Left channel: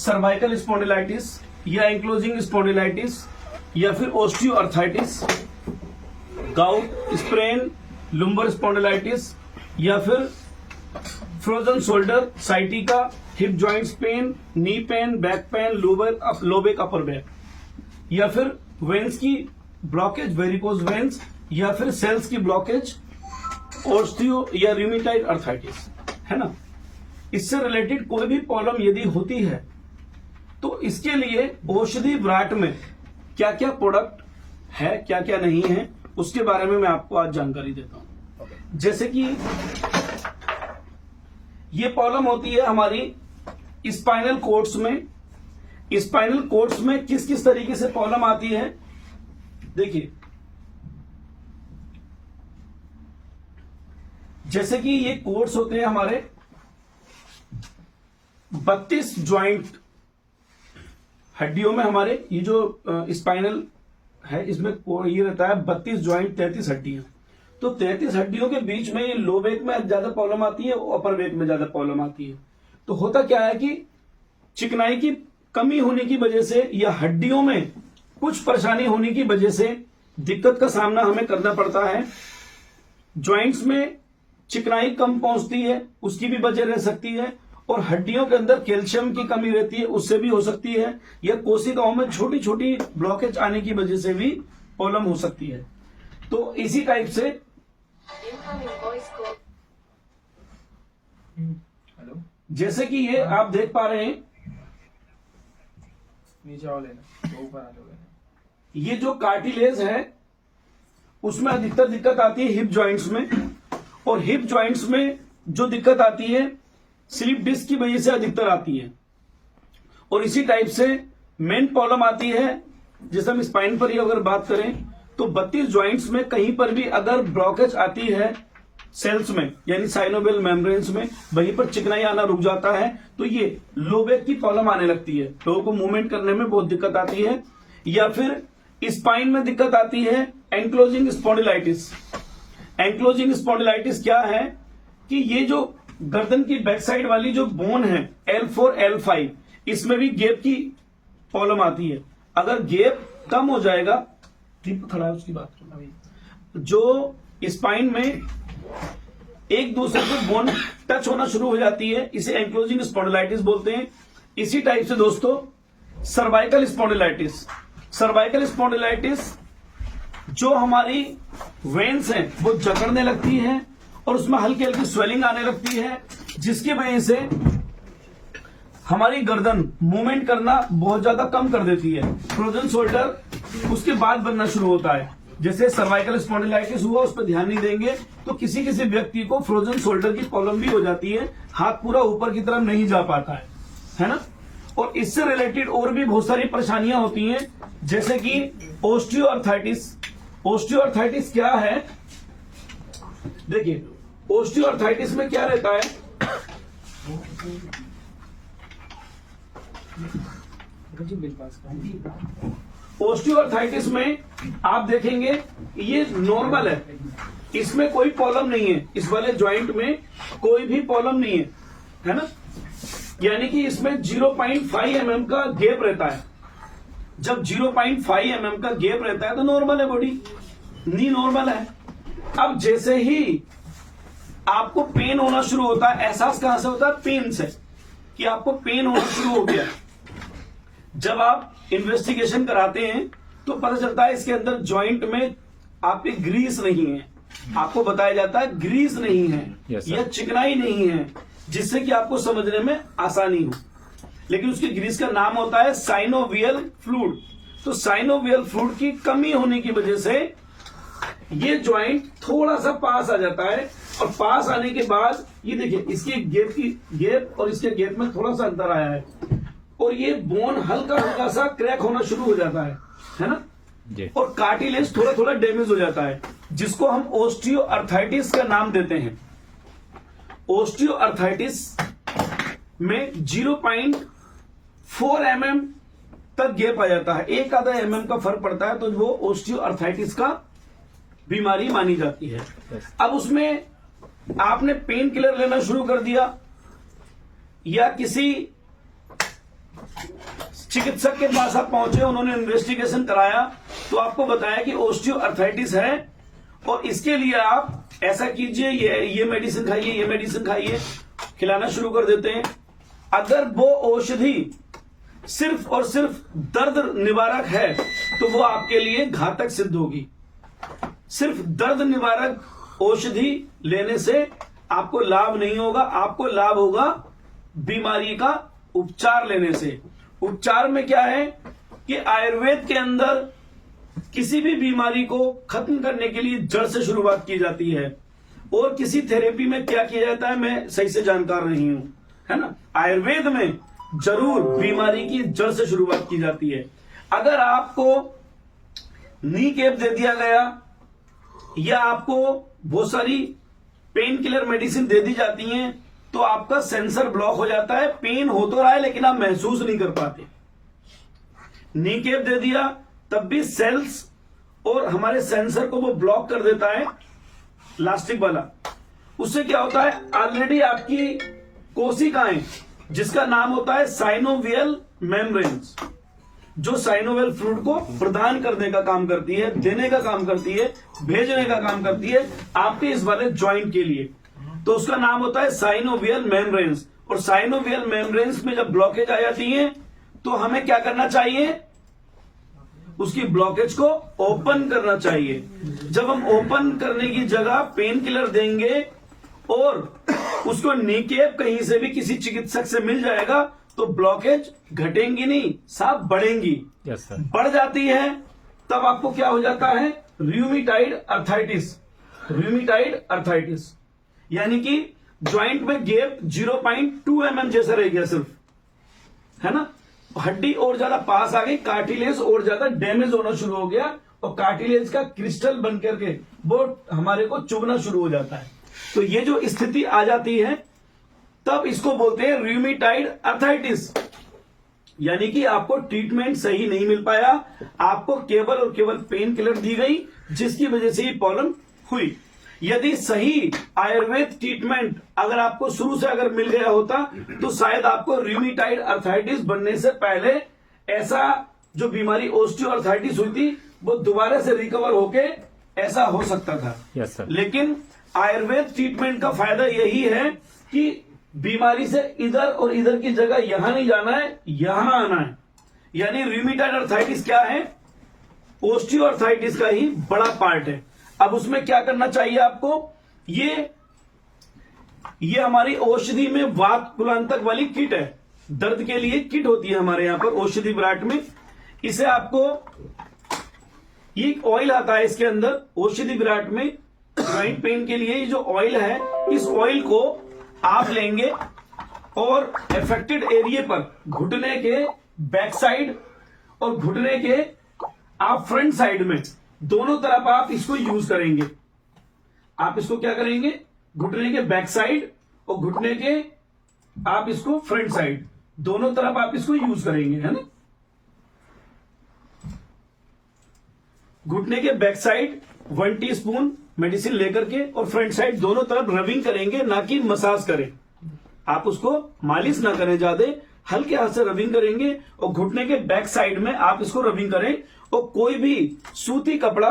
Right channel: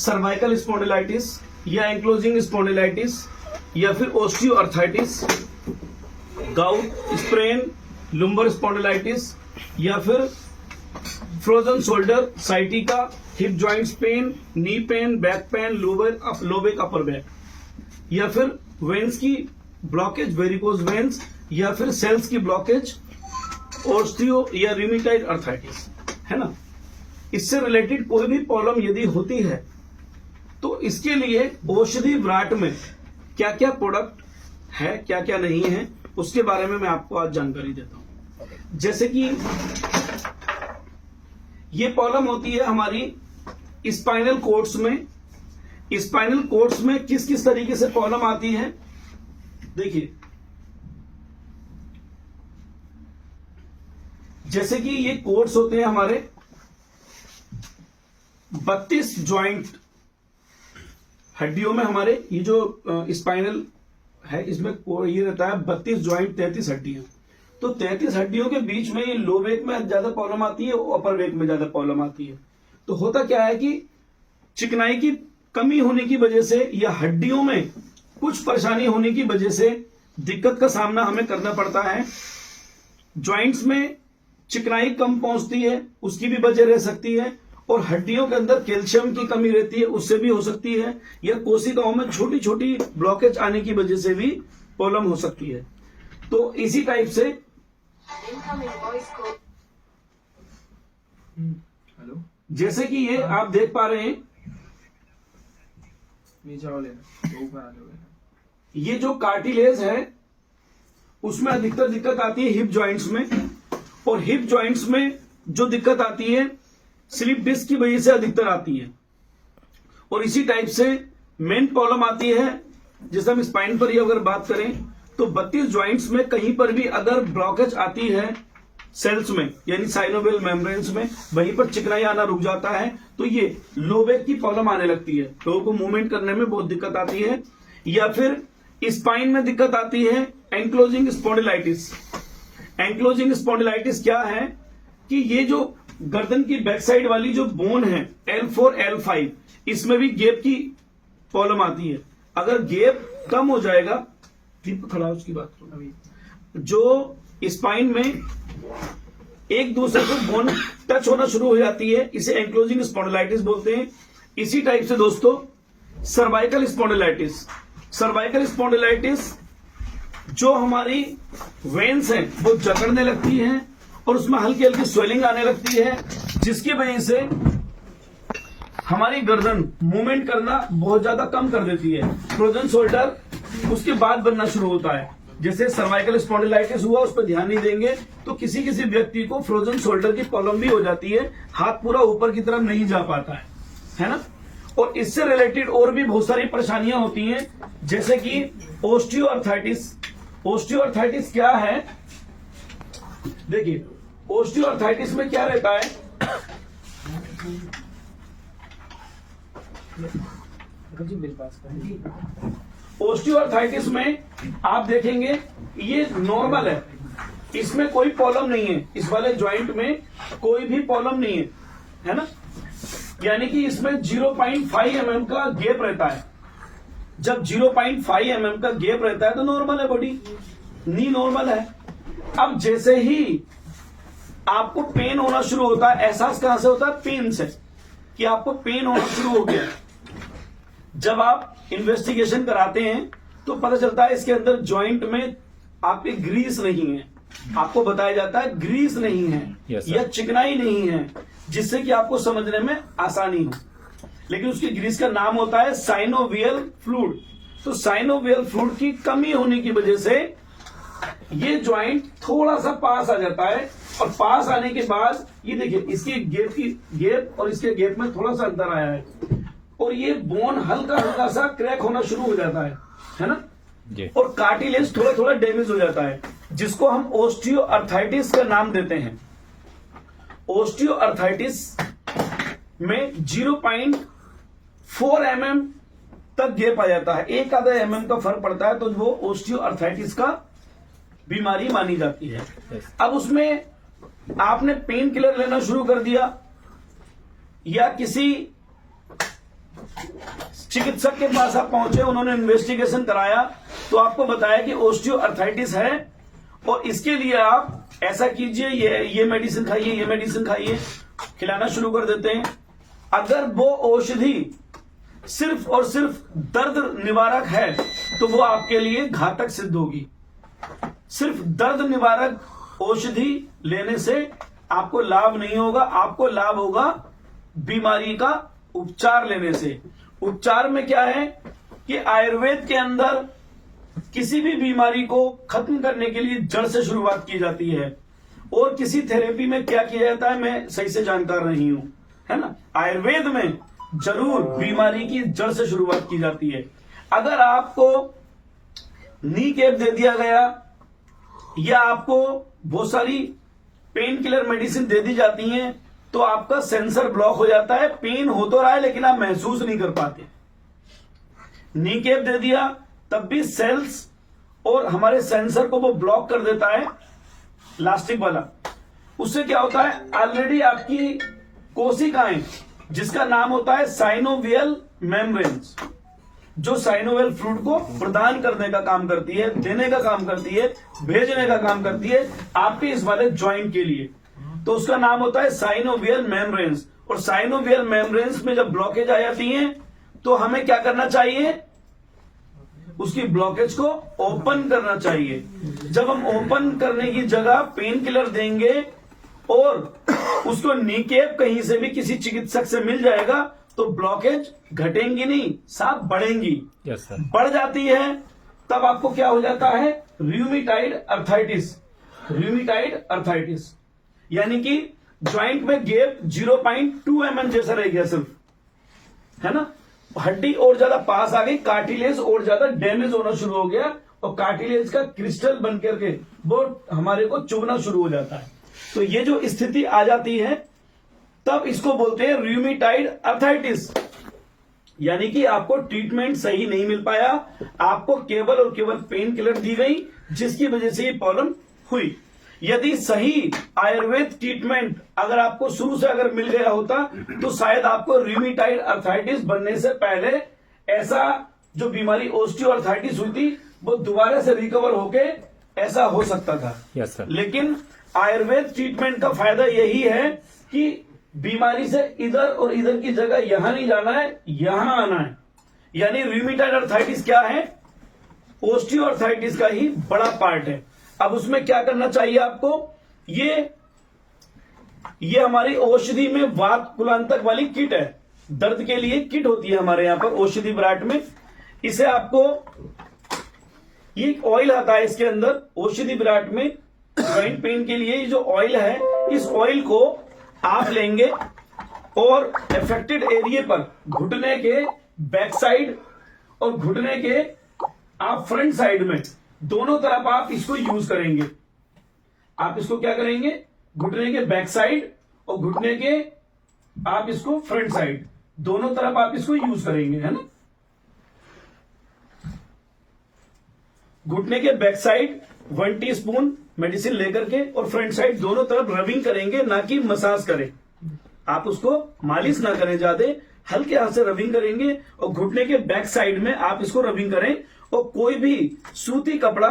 Cervical spondylitis या ankylosing spondylitis या फिर osteoarthritis, gout, sprain, lumbar spondylitis या फिर frozen shoulder, sciatica, hip joints pain, knee pain, back pain, low back, upper back, या फिर veins की ब्लॉकेज, वेरिकोज वेन्स, या फिर सेल्स की ब्लॉकेज, ऑस्टियो या रूमेटॉइड अर्थराइटिस, है ना। इससे रिलेटेड कोई भी प्रॉब्लम यदि होती है तो इसके लिए औषधि विराट में क्या क्या प्रोडक्ट है, क्या क्या नहीं है, उसके बारे में मैं आपको आज जानकारी देता हूं। जैसे कि ये प्रॉब्लम होती है हमारी स्पाइनल कोर्ड्स में। स्पाइनल कोर्ड्स में किस किस तरीके से प्रॉब्लम आती है, देखिए जैसे कि ये कोर्ड्स होते हैं हमारे 32 ज्वाइंट हड्डियों में, हमारे ये जो स्पाइनल है इसमें ये रहता है 32 ज्वाइंट, 33 हड्डियां। तो 33 हड्डियों के बीच में लो बैक में ज्यादा प्रॉब्लम आती है, अपर बैक में ज्यादा प्रॉब्लम आती है। तो होता क्या है कि चिकनाई की कमी होने की वजह से या हड्डियों में कुछ परेशानी होने की वजह से दिक्कत का सामना हमें करना पड़ता है। ज्वाइंट्स में चिकनाई कम पहुंचती है, उसकी भी वजह रह सकती है, और हड्डियों के अंदर कैल्शियम की कमी रहती है, उससे भी हो सकती है, या कोशिकाओं में छोटी छोटी ब्लॉकेज आने की वजह से भी प्रॉब्लम हो सकती है। तो इसी टाइप से हेलो, जैसे कि ये आप देख पा रहे हैं, नीचे आओ लेना, तो ऊपर आ जाओगे। ये जो कार्टिलेज है उसमें अधिकतर दिक्कत आती है हिप जॉइंट्स में, और हिप जॉइंट्स में जो दिक्कत आती है स्लिप डिस्क की वजह से अधिकतर आती है। और इसी टाइप से मेन प्रॉब्लम आती है, जैसे हम स्पाइन पर ही अगर बात करें तो 32 ज्वाइंट्स में कहीं पर भी अगर ब्लॉकेज आती है सेल्स में, यानी साइनोवियल मेम्ब्रेन्स में, वहीं पर चिकनाई आना रुक जाता है, तो ये लो बैक की प्रॉब्लम आने लगती है, लोगों को मूवमेंट करने में बहुत दिक्कत आती है। या फिर स्पाइन में दिक्कत आती है एंक्लोजिंग स्पॉन्डिलाइटिस। एंक्लोजिंग स्पॉन्डिलाइटिस क्या है कि ये जो गर्दन की बैक साइड वाली जो बोन है L4 L5, इसमें भी गैप की प्रॉब्लम आती है। अगर गैप कम हो जाएगा, ठीक खड़ा है उसकी बात अभी, जो स्पाइन में एक दूसरे को बोन टच होना शुरू हो जाती है, इसे एंक्लोजिंग स्पॉन्डिलाइटिस बोलते हैं। इसी टाइप से दोस्तों सर्वाइकल स्पॉन्डिलाइटिस। सर्वाइकल स्पॉन्डिलाइटिस जो हमारी वेन्स हैं वो जकड़ने लगती है और उसमें हल्की हल्की स्वेलिंग आने लगती है, जिसकी वजह से हमारी गर्दन मूवमेंट करना बहुत ज्यादा कम कर देती है। फ्रोजन शोल्डर उसके बाद बनना शुरू होता है। जैसे सर्वाइकल स्पॉन्डिलाइटिस हुआ, उस पर ध्यान नहीं देंगे तो किसी किसी व्यक्ति को फ्रोजन शोल्डर की प्रॉब्लम भी हो जाती है, हाथ पूरा ऊपर की तरफ नहीं जा पाता है ना। और इससे रिलेटेड और भी बहुत सारी परेशानियां होती हैं, जैसे कि ऑस्टियोआर्थराइटिस। ऑस्टियोआर्थराइटिस क्या है, देखिए ऑस्टियोआर्थराइटिस में क्या रहता है, ऑस्टियोआर्थराइटिस में आप देखेंगे ये नॉर्मल है, इसमें कोई प्रॉब्लम नहीं है, इस वाले ज्वाइंट में कोई भी प्रॉब्लम नहीं है ना। यानी कि इसमें 0.5 mm का गैप रहता है। जब 0.5 mm का गैप रहता है तो नॉर्मल है, बॉडी नी नॉर्मल है। अब जैसे ही आपको पेन होना शुरू होता है, एहसास कहां से होता है, पेन से, कि आपको पेन होना शुरू हो गया। जब आप इन्वेस्टिगेशन कराते हैं तो पता चलता है इसके अंदर जॉइंट में आपके ग्रीस नहीं है, आपको बताया जाता है ग्रीस नहीं है, या चिकनाई नहीं है, जिससे कि आपको समझने में आसानी हो। लेकिन उसके ग्रीस का नाम होता है साइनोवियल फ्लूइड। तो साइनोवियल फ्लूइड की कमी होने की वजह से ये ज्वाइंट थोड़ा सा पास आ जाता है, और पास आने के बाद ये देखिए इसके गैप और इसके गैप में थोड़ा सा अंतर आया है, और ये बोन हल्का हल्का सा क्रैक होना शुरू हो जाता है ना, और कार्टिलेज थोड़ा थोड़ा डैमेज हो जाता है, जिसको हम ऑस्टियोआर्थराइटिस का नाम देते हैं। ऑस्टियोआर्थराइटिस में 0.4 mm तक गैप आ जाता है, एक आधा mm का फर्क पड़ता है, तो वो ऑस्टियोआर्थराइटिस का बीमारी मानी जाती है। अब उसमें आपने पेन किलर लेना शुरू कर दिया, या किसी चिकित्सक के पास आप पहुंचे, उन्होंने इन्वेस्टिगेशन कराया तो आपको बताया कि ओस्टियोआर्थराइटिस है और इसके लिए आप ऐसा कीजिए, ये मेडिसिन खाइए, ये मेडिसिन खाइए, खिलाना शुरू कर देते हैं। अगर वो औषधि सिर्फ और सिर्फ दर्द निवारक है तो वो आपके लिए घातक सिद्ध होगी। सिर्फ दर्द निवारक औषधि लेने से आपको लाभ नहीं होगा, आपको लाभ होगा बीमारी का उपचार लेने से। उपचार में क्या है कि आयुर्वेद के अंदर किसी भी बीमारी को खत्म करने के लिए जड़ से शुरुआत की जाती है, और किसी थेरेपी में क्या किया जाता है मैं सही से जानकार नहीं हूं, है ना। आयुर्वेद में जरूर बीमारी की जड़ से शुरुआत की जाती है। अगर आपको नी कैप दे दिया गया या आपको बहुत सारी पेन किलर मेडिसिन दे दी जाती हैं तो आपका सेंसर ब्लॉक हो जाता है, पेन हो तो रहा है लेकिन आप महसूस नहीं कर पाते। नी कैप दे दिया तब भी सेल्स और हमारे सेंसर को वो ब्लॉक कर देता है, लास्टिक वाला। उससे क्या होता है, ऑलरेडी आपकी कोशिकाएं जिसका नाम होता है साइनोवियल मेम्ब्रेन्स, जो साइनोवियल फ्लूइड को प्रदान करने का काम करती है, देने का काम करती है, भेजने का काम करती है आपके इस वाले ज्वाइंट के लिए, तो उसका नाम होता है साइनोवियल मेम्ब्रेन्स। और साइनोवियल मेम्ब्रेन्स में जब ब्लॉकेज आ जाती है तो हमें क्या करना चाहिए, उसकी ब्लॉकेज को ओपन करना चाहिए। जब हम ओपन करने की जगह पेन किलर देंगे और उसको नी कैप कहीं से भी किसी चिकित्सक से मिल जाएगा तो ब्लॉकेज घटेंगी नहीं, साफ बढ़ेंगी। Yes sir. बढ़ जाती है तब आपको क्या हो जाता है, रूमेटॉइड अर्थराइटिस। रूमेटॉइड अर्थराइटिस यानी कि ज्वाइंट में गैप 0.2 mm जैसा रह गया सिर्फ, है ना। हड्डी और ज्यादा पास आ गई, कार्टिलेज और ज्यादा डैमेज होना शुरू हो गया और कार्टिलेज का क्रिस्टल बन करके वो हमारे को चुभना शुरू हो जाता है। तो ये जो स्थिति आ जाती है तब इसको बोलते हैं रूमेटॉइड अर्थराइटिस, यानी कि आपको ट्रीटमेंट सही नहीं मिल पाया, आपको केवल और केवल पेन किलर दी गई जिसकी वजह से ये प्रॉब्लम हुई। यदि सही आयुर्वेद ट्रीटमेंट अगर आपको शुरू से अगर मिल गया होता तो शायद आपको रूमेटॉइड अर्थराइटिस बनने से पहले ऐसा जो बीमारी ओस्टियोआर्थराइटिस हुई थी वो दोबारा से रिकवर होके ऐसा हो सकता था। Yes sir. लेकिन आयुर्वेद ट्रीटमेंट का फायदा यही है कि बीमारी से इधर और इधर की जगह यहां नहीं जाना है, यहां आना है। यानी रूमेटॉइड अर्थराइटिस क्या है, ओस्टियोआर्थराइटिस का ही बड़ा पार्ट है। अब उसमें क्या करना चाहिए आपको, ये हमारी औषधि में वात कुलांतक वाली किट है, दर्द के लिए किट होती है हमारे यहां पर औषधि विराट में। इसे आपको ये एक ऑयल आता है इसके अंदर औषधि विराट में, जॉइंट पेन के लिए जो ऑयल है, इस ऑयल को आप लेंगे और अफेक्टेड एरिया पर घुटने के बैक साइड और घुटने के आप फ्रंट साइड में दोनों तरफ आप इसको यूज करेंगे। आप इसको क्या करेंगे, घुटने के बैक साइड और घुटने के आप इसको फ्रंट साइड दोनों तरफ आप इसको यूज करेंगे, है ना। घुटने के बैक साइड 1 टीस्पून मेडिसिन लेकर के और फ्रंट साइड दोनों तरफ रबिंग करेंगे, ना कि मसाज करें। आप उसको मालिश ना करें, ज्यादा हल्के हाथ से रबिंग करेंगे और घुटने के बैक साइड में आप इसको रबिंग करें। और कोई भी सूती कपड़ा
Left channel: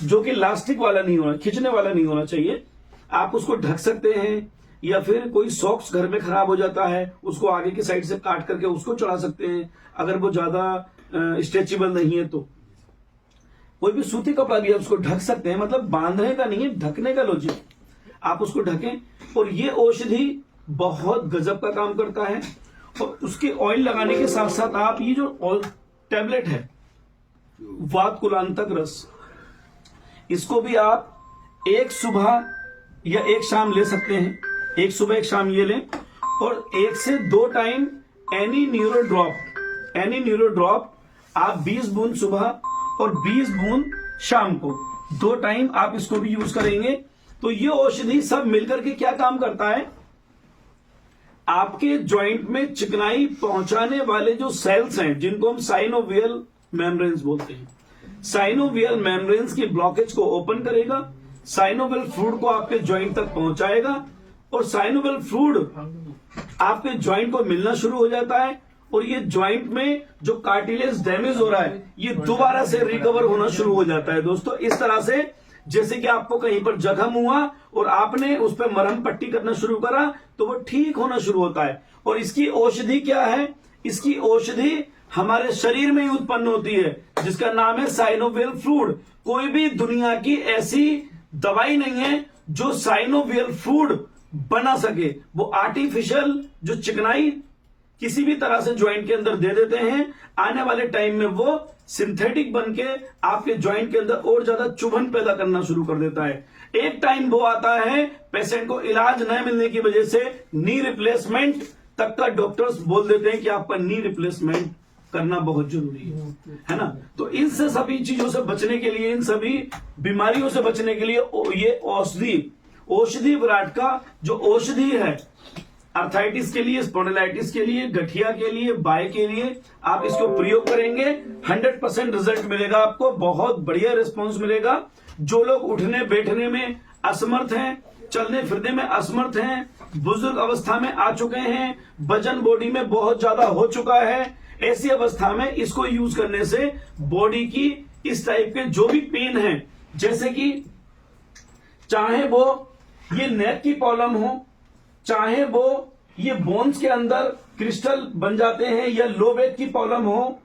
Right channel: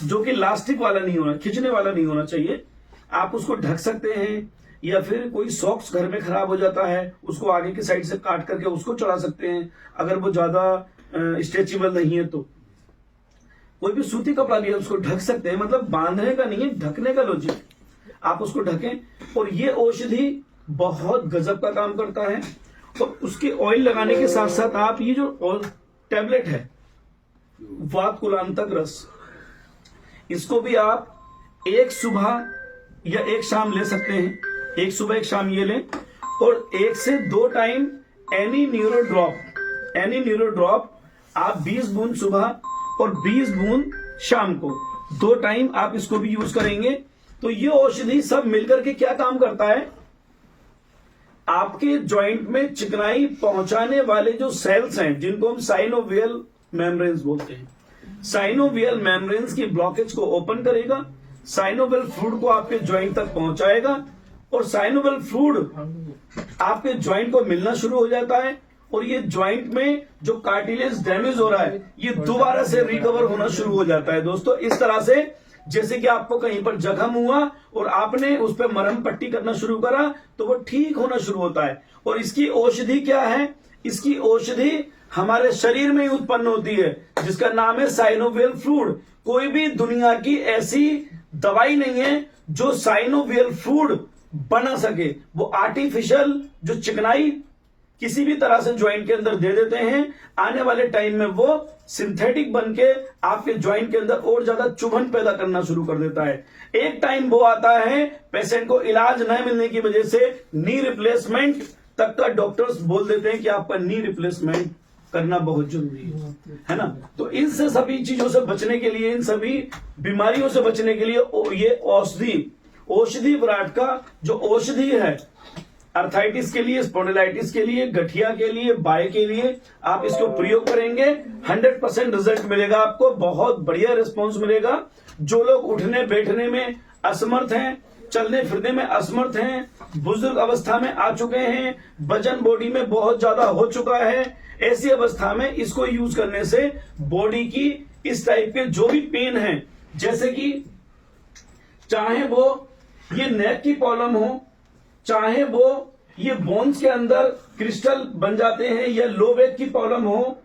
जो कि लास्टिक वाला नहीं होना, खींचने वाला नहीं होना चाहिए, आप उसको ढक सकते हैं, या फिर कोई सॉक्स घर में खराब हो जाता है उसको आगे की साइड से काट करके उसको चढ़ा सकते हैं, अगर वो ज्यादा स्ट्रेचेबल नहीं है तो। कोई भी सूती कपड़ा भी है उसको ढक सकते हैं, मतलब बांधने का नहीं है, ढकने का लॉजिक, आप उसको ढकें। और ये औषधि बहुत गजब का काम करता है। और उसके ऑयल लगाने के साथ साथ आप ये जो टैबलेट है वात कुलांतक रस, इसको भी आप एक सुबह या एक शाम ले सकते हैं। एक सुबह एक शाम ये लें और 1 से 2 टाइम एनी न्यूरो ड्रॉप आप 20 बूंद सुबह और 20 बूंद शाम को 2 टाइम आप इसको भी यूज करेंगे। तो ये औषधि सब मिलकर के क्या काम करता है, आपके ज्वाइंट में चिकनाई पहुंचाने वाले जो सेल्स हैं जिनको हम साइनोवियल मेम्ब्रेन्स बोलते हैं, साइनोवियल मेम्ब्रेन्स की ब्लॉकेज को ओपन करेगा, साइनोवियल फ्लूइड को आपके ज्वाइंट तक पहुंचाएगा और साइनोवियल फ्लूइड आपके ज्वाइंट को मिलना शुरू हो जाता है और ये ज्वाइंट में जो कार्टिलेज डैमेज हो रहा है ये दोबारा से रिकवर होना शुरू हो जाता है दोस्तों। इस तरह से जैसे कि आपको कहीं पर जख्म हुआ और आपने उस पर मरहम पट्टी करना शुरू करा तो वो ठीक होना शुरू होता है। और इसकी औषधि क्या है? इसकी औषधि हमारे शरीर में ही उत्पन्न होती है जिसका नाम है साइनोवियल फ्लूइड। कोई भी दुनिया की ऐसी दवाई नहीं है जो साइनोवियल फ्लूइड बना सके। वो आर्टिफिशियल जो चिकनाई किसी भी तरह से ज्वाइंट के अंदर दे देते हैं, आने वाले टाइम में वो सिंथेटिक बन के आपके ज्वाइंट के अंदर और ज्यादा चुभन पैदा करना शुरू कर देता है। एक टाइम वो आता है पेशेंट को इलाज न मिलने की वजह से नी रिप्लेसमेंट तक का डॉक्टर्स बोल देते हैं कि आपका नी रिप्लेसमेंट करना बहुत जरूरी है ना। तो इन से सभी चीजों से बचने के लिए, इन सभी बीमारियों से बचने के लिए ये औषधि विराट का जो औषधि है अर्थाइटिस के लिए, स्पॉन्डिलाइटिस के लिए, गठिया के लिए, बाय के लिए आप इसको प्रयोग करेंगे 100% रिजल्ट मिलेगा आपको, बहुत बढ़िया रिस्पांस मिलेगा। जो लोग उठने बैठने में असमर्थ हैं, चलने फिरने में असमर्थ हैं, बुजुर्ग अवस्था में आ चुके हैं, वजन बॉडी में बहुत ज्यादा हो चुका है, ऐसी अवस्था में इसको यूज करने से बॉडी की इस टाइप के जो भी पेन है, जैसे कि चाहे वो ये नेक की प्रॉब्लम हो, चाहे वो ये बोन्स के अंदर क्रिस्टल बन जाते हैं, या लो बैक की प्रॉब्लम हो,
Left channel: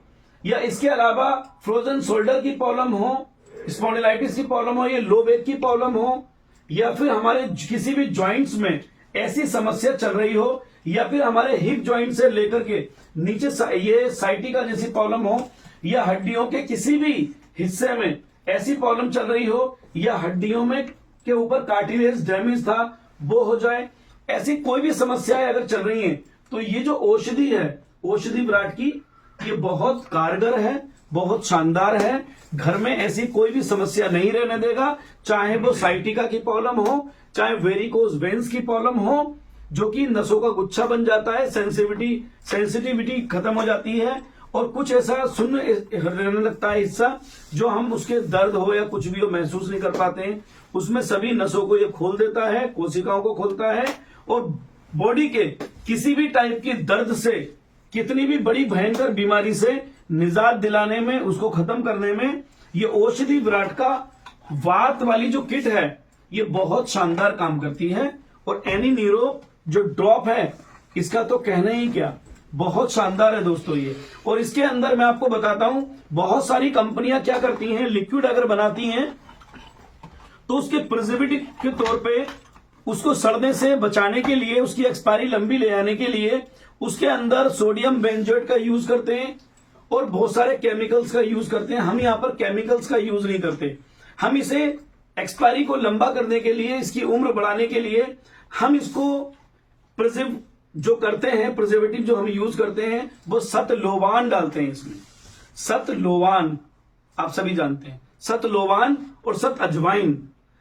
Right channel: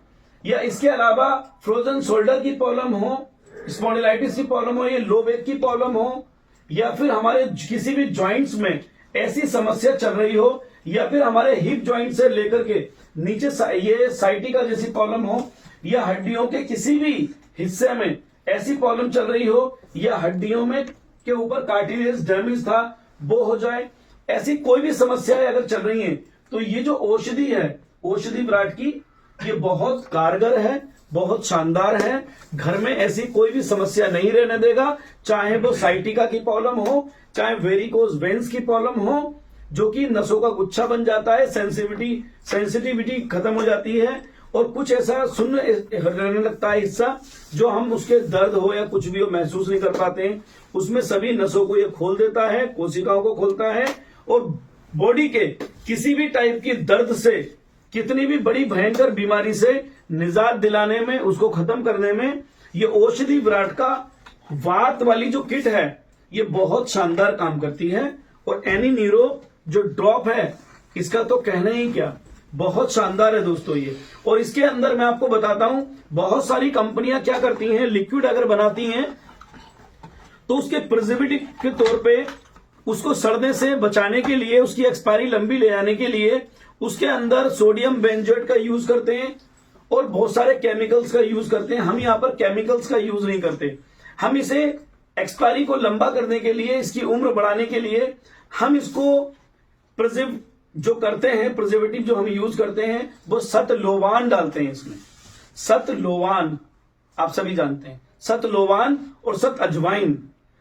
या इसके अलावा फ्रोजन शोल्डर की प्रॉब्लम हो, स्पॉन्डिलाइटिस की प्रॉब्लम हो, ये लो बैक की प्रॉब्लम हो, या फिर हमारे किसी भी जॉइंट्स में ऐसी समस्या चल रही हो, या फिर हमारे हिप जॉइंट से लेकर के नीचे ये साइटिका जैसी प्रॉब्लम हो, या हड्डियों के किसी भी हिस्से में ऐसी प्रॉब्लम चल रही हो, या हड्डियों में के ऊपर कार्टिलेज डैमेज था वो हो जाए, ऐसी कोई भी समस्याएं अगर चल रही हैं तो ये जो औषधि है, औषधि विराट की, ये बहुत कारगर है, बहुत शानदार है। घर में ऐसी कोई भी समस्या नहीं रहने देगा, चाहे वो साइटिका की प्रॉब्लम हो, चाहे वेरिकोज वेन्स की प्रॉब्लम हो, जो कि नसों का गुच्छा बन जाता है, सेंसिटिविटी खत्म हो जाती है, और कुछ ऐसा सुन्न रहने लगता है हिस्सा जो हम उसके दर्द हो या कुछ भी हो महसूस नहीं कर पाते हैं, उसमें सभी नसों को ये खोल देता है, कोशिकाओं को खोलता है, और बॉडी के किसी भी टाइप की दर्द से, कितनी भी बड़ी भयंकर बीमारी से निजात दिलाने में, उसको खत्म करने में ये औषधि विराट का वात वाली जो किट है ये बहुत शानदार काम करती है। और एनी नीरो जो ड्रॉप है इसका तो कहना ही क्या, बहुत शानदार है दोस्तों ये। और इसके अंदर मैं आपको बताता हूं, बहुत सारी कंपनियां क्या करती हैं, लिक्विड अगर बनाती हैं तो उसके प्रिजर्वेटिव के तौर पे उसको सड़ने से बचाने के लिए, उसकी एक्सपायरी लंबी ले जाने के लिए उसके अंदर सोडियम बेंजोएट का यूज करते हैं और बहुत सारे केमिकल्स का यूज करते हैं। हम यहां पर केमिकल्स का यूज नहीं करते, हम इसे एक्सपायरी को लंबा करने के लिए, इसकी उम्र बढ़ाने के लिए हम इसको प्रिजर्व जो करते हैं, प्रिजर्वेटिव जो हम यूज करते हैं वो सतलोवान डालते हैं इसमें। सतलोवान आप सभी जानते हैं, सतलोवान और सत अजवाइन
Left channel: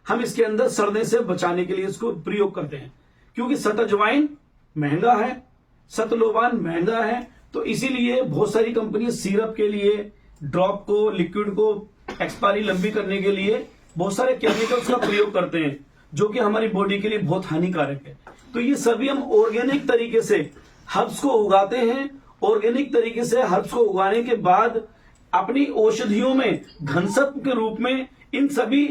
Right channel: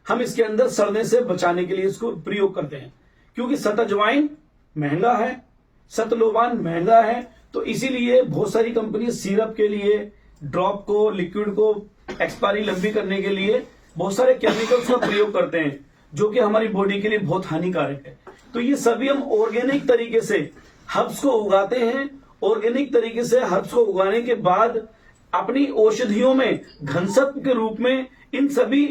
हम इसके अंदर सड़ने से बचाने के लिए इसको प्रयोग करते हैं, क्योंकि सत अजवाइन महंगा है, सतलोवान महंगा है, तो इसीलिए बहुत सारी कंपनी सिरप के लिए, ड्रॉप को, लिक्विड को एक्सपायरी लंबी करने के लिए बहुत सारे केमिकल्स का प्रयोग करते हैं जो कि हमारी बॉडी के लिए बहुत हानिकारक है। तो ये सभी हम ऑर्गेनिक तरीके से हर्ब्स को उगाते हैं। ऑर्गेनिक तरीके से हर्ब्स को उगाने के बाद अपनी औषधियों में घनसत्व के रूप में इन सभी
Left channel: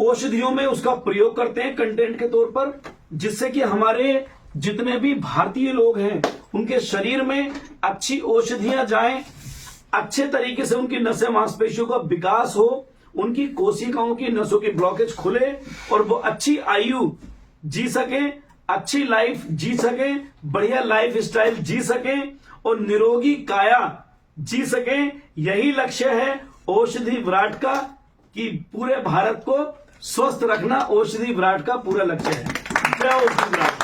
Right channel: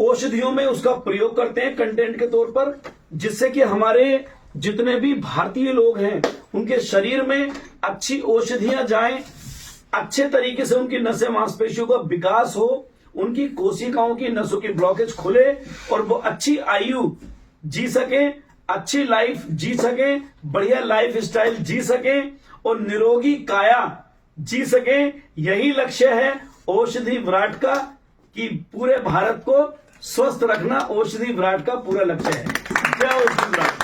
औषधियों में उसका प्रयोग करते हैं कंटेंट के तौर पर, जिससे कि हमारे जितने भी भारतीय लोग हैं उनके शरीर में अच्छी औषधियां जाएं, अच्छे तरीके से उनकी नसें मांसपेशियों का विकास हो, उनकी कोशिकाओं की नसों की ब्लॉकेज खुले और वो अच्छी आयु जी सके, अच्छी लाइफ जी सके, बढ़िया लाइफ स्टाइल जी सके और निरोगी काया जी सके। यही लक्ष्य है औषधि विराट का, कि पूरे भारत को स्वस्थ रखना औषधि विराट का पूरा लक्ष्य है। जय औषधि विराट।